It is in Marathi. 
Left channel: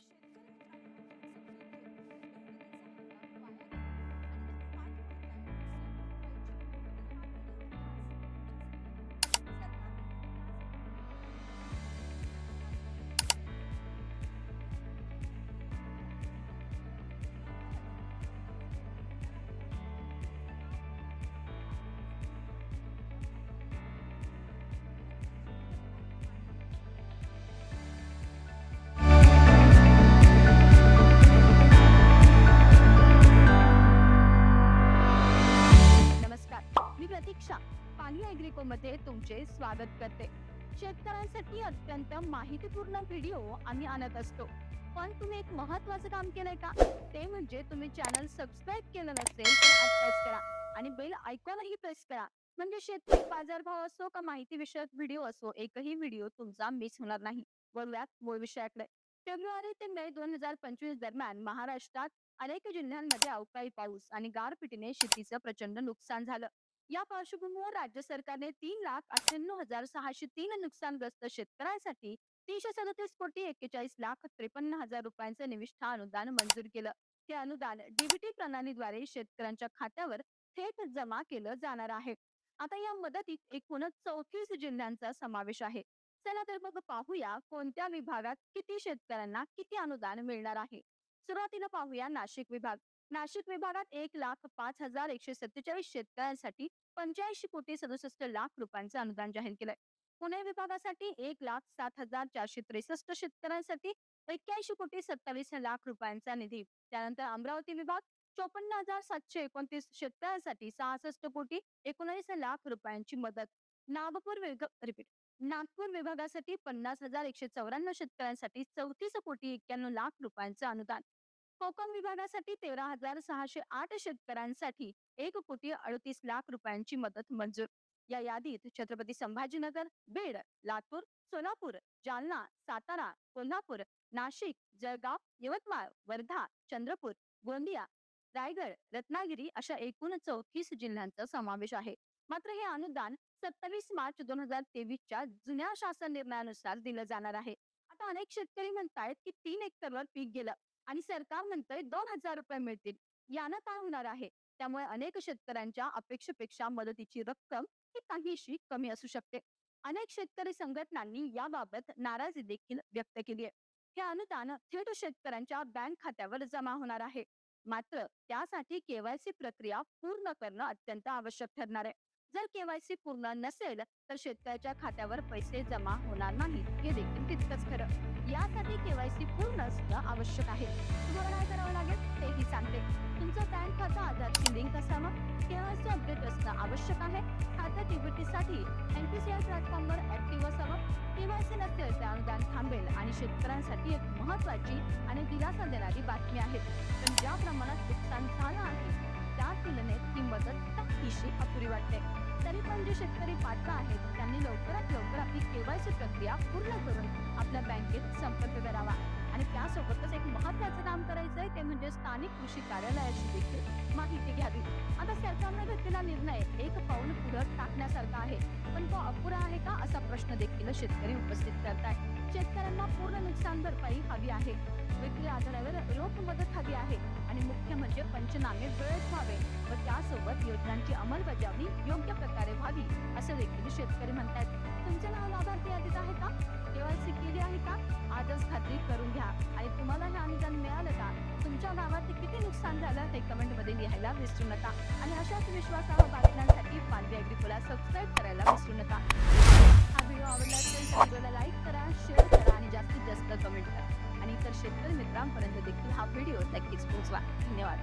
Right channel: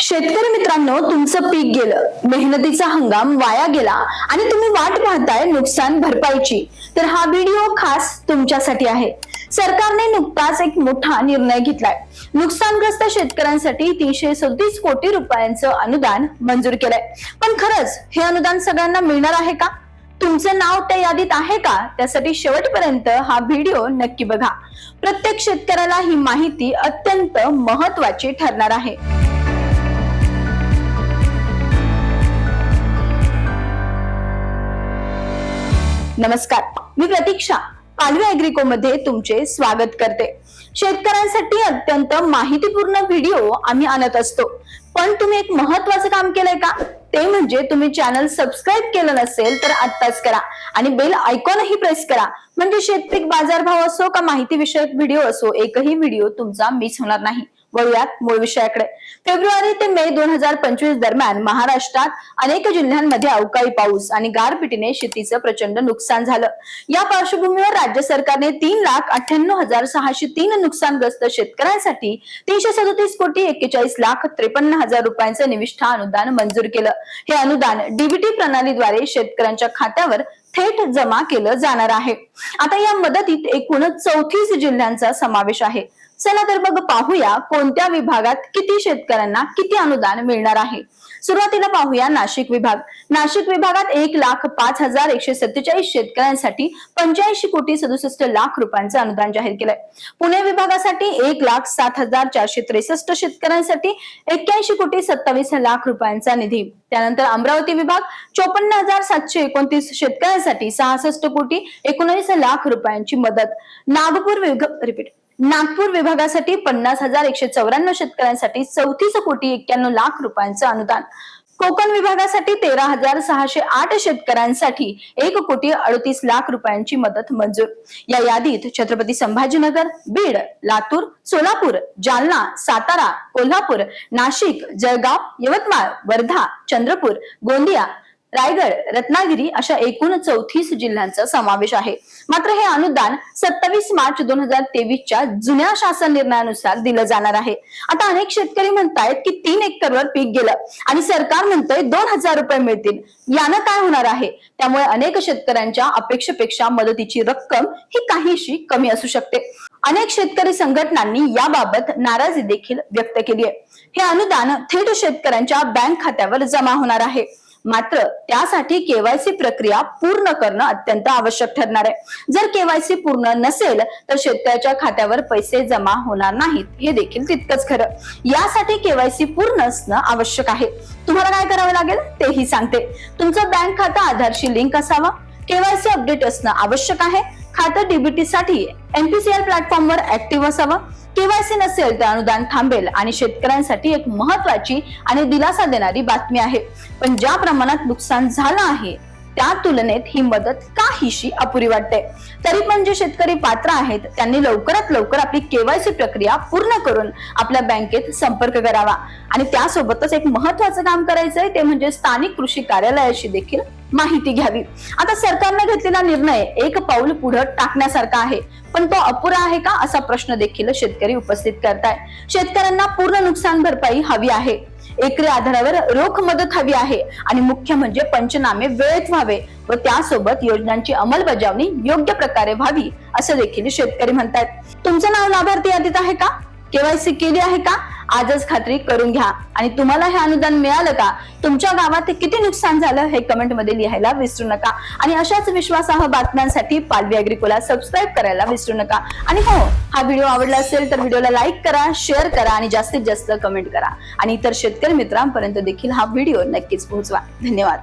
शेतकरी मित्रांनो तुमचं पीक गेलं मेहनतीचा हंगाम वाया गेला आणि तुम्ही वाट पाहताय नुकसान भरपाईची. तर हा व्हिडिओ खास तुमच्यासाठी आहे. सरकारने नुकताच एक मोठा निर्णय घेतलाय. नुकसानग्रस्त शेतकऱ्यांसाठी तीनशे सदतीस कोटी रुपयांचं अनुदान मंजूर केलंय. पण खरंच हे अनुदान सगळ्यांना मिळणार आहे का? तुमचं नाव त्या यादीत आहे का? त्यासाठी शेवटपर्यंत हा व्हिडिओ नक्की बघा. प्रत्येक शेतकऱ्याला ही माहिती अत्यंत महत्वाची ठरणार आहे. नमस्कार. मी प्रतीक्षा पालवी अॅग्रिको मध्ये तुमचे स्वागत करते. शेतकऱ्यांसाठी अत्यंत माहितीपूर्ण व्हिडिओ आम्ही आणत असतो. पण तुम्ही एक महत्वाचं काम केलंय का? ते म्हणजे तुम्ही चॅनल सबस्क्राईब केलं नसेल तर आत्ताच करा आणि बेल आयकॉनही प्रेस करा. म्हणजे शेतपीक बाजारभाव असो का माहिती विषयक व्हिडिओ असो एकही व्हिडिओ तुमचा मिस होणार नाही. वळूयात मूळ विषयाकडे. फेब्रुवारी ते मे दोन हजार पंचवीस दरम्यान महाराष्ट्रात अनेक जिल्ह्यांमध्ये अवकाळी पाऊस आणि गारपिटीने शेतीचं प्रचंड नुकसान झालं. या पार्श्वभूमीवर राज्य सरकारने तीन लाख अठ्ठ्याण्णव हजार सहाशे तीन नुकसानग्रस्त शेतकऱ्यांसाठी तीनशे सदतीस कोटी एक्केचाळीस लाख त्रेपन्न हजार रुपयांचं निविष्ठा अनुदान मंजूर केलं. हे अनुदान डीबीटी प्रणालीद्वारे शेतकऱ्यांच्या खात्यावर थेट जमा केलं जाणार आहे. आता या मदतीत एकूण चौतीस जिल्ह्यांचा समावेश आहे. चला तर बघ पाहूया कोणत्या विभागात किती शेतकऱ्यांना किती अनुदान मिळणार आहे. सुरुवातीला पाहूया नाशिक विभाग. नाशिक विभागात एक लाख पाच हजार एकशे सत्तेचाळीस शेतकऱ्यांसाठी पंच्याऐंशी कोटी सदुसष्ट लाख रुपयांचं अनुदान जाहीर केलंय. पुणे विभागासाठी एक लाख सात हजार चारशे त्रेसष्ट शेतकऱ्यांसाठी एक्क्याऐंशी कोटी सत्तावीस लाख रुपयांचा निधी. त्यानंतर अमरावती विभाग चोपन्न हजार सातशे एकोणतीस शेतकऱ्यांसाठी सहासष्ट कोटी एकोणीस लाख रुपयांची मदत. नागपूर विभाग रिपीट. नागपूर विभागासाठी पन्नास हजार एकशे चौऱ्याण्णव शेतकऱ्यांसाठी चौतीस कोटी एक्क्याण्णव लाख रुपयांचं अनुदान. कोकण विभागासाठी तेरा हजार सहाशे आठ शेतकऱ्यांसाठी एक कोटी अडतीस लाख रुपयांची मदत मंजूर. या यादीत छत्रपती संभाजीनगर बीड लातूर सोलापूर जालना सातारा कोल्हापूर नाशिक जळगाव यवतमाळ वर्धा चंद्रपूर गोंदिया रायगड रत्नागिरी अशा एकूण चौतीस जिल्ह्यांचा समावेश आहे. मात्र हे अनुदान सत्तावीस मार्च दोन हजार तेवीसच्या जुन्या शासन निर्णयानुसार दिलं जाणार आहे. आता अनेक शेतकरी म्हणतायत की तीन एकरवर पीक गेलं आणि सरकार म्हणतंय दोन हजार रुपये मिळतील. यानं काय होणार आहे? त्यामुळे अनेक शेतकऱ्यांच्या अपेक्षेपेक्षा मदतीची रक्कम ही काहीशी कमी असू शकते. अनेक शेतकरी संघटनांनी याबाबत नाराजी देखील व्यक्त केली आहे. हे अनुदान थेट शेतकऱ्यांच्या बँक खात्यावर जमा होणार आहे. मात्र त्यासाठी केवायसी प्रक्रिया पूर्ण करणं अत्यंत आवश्यक ठरणार आहे. जर केवायसी पूर्ण नसेल तर शेतकऱ्याच्या खात्यावर पैसे जमा होणार नाहीत. हे देखील तितकंच खरं. यासाठी केवायसी पूर्ण असणं आवश्यक आहे. तुम्हाला काय करावं लागेल? तेही सांगते. तुमचं बँक खातं आधारशी लिंक असावं. केवायसी अपडेट असणं आवश्यक आहे. खातं डीबीटी साठी प्लॅटफॉर्मवर ऍक्टिव्ह असावं. केवायसी नसेल तर अनुदान थांबेल आणि शेतकऱ्यांसाठी एक महत्वाची आणि दिलासा देणारी बातमी आहे. पण ज्या प्रमाणात नुकसान झालं आहे त्या तुलनेत ही मदत काहीशी अपुरी वाटते. तरी पण जे शेतकरी पात्र आहेत त्यांनी लवकरात लवकर आपली केवायसी प्रक्रिया पूर्ण करून आपल्या बँकेत संपर्क करावा. आणि त्यासोबतच एक महत्वाचं काम करायचंय ते म्हणजे स्थानिक कृषी कार्यालयाशी देखील माहिती घ्यावी. आता सरकारने घेतलेला निर्णय एक पाऊल पुढे टाकण्यासारखा आहे. पण तो अपुरा आहे का असा प्रश्न देखील शेतकरी उपस्थित करताय. शेतकऱ्यांना पूर्ण नुकसान भरपाई हवी आहे. एकरी आधारावर रोख मदत हवी आहे. आणि मुख्य म्हणजे पंचनामे वेळेत व्हावे व त्यासोबत योजनांची अंमलबजावणी योग्य प्रकारे व्हावी असं देखील शेतकरी म्हणतात तुमचं नाव लाभार्थी यादीत आहे का? केवायसी केली आहे का? आजच खात्री करून घ्या. आणि तुम्हाला हे अनुदान मिळालं का? तुमच्या गावात किती नुकसान झालं हे कमेंटमध्ये लिहायला विसरू नका. आणि अशाच विश्वासार्ह बातम्यांसाठी पालवी अग्रिकोला सबस्क्राईब करायला विसरू नका. आणि हो हा व्हिडिओ आवडला असेल तर व्हिडिओला लाईक करा शेअर करा आणि जास्तीत जास्त कमेंट करा. आणि इतर शेतकरी मित्रांपर्यंत देखील हा व्हिडिओ नक्कीच पोहोचवा. धन्यवाद.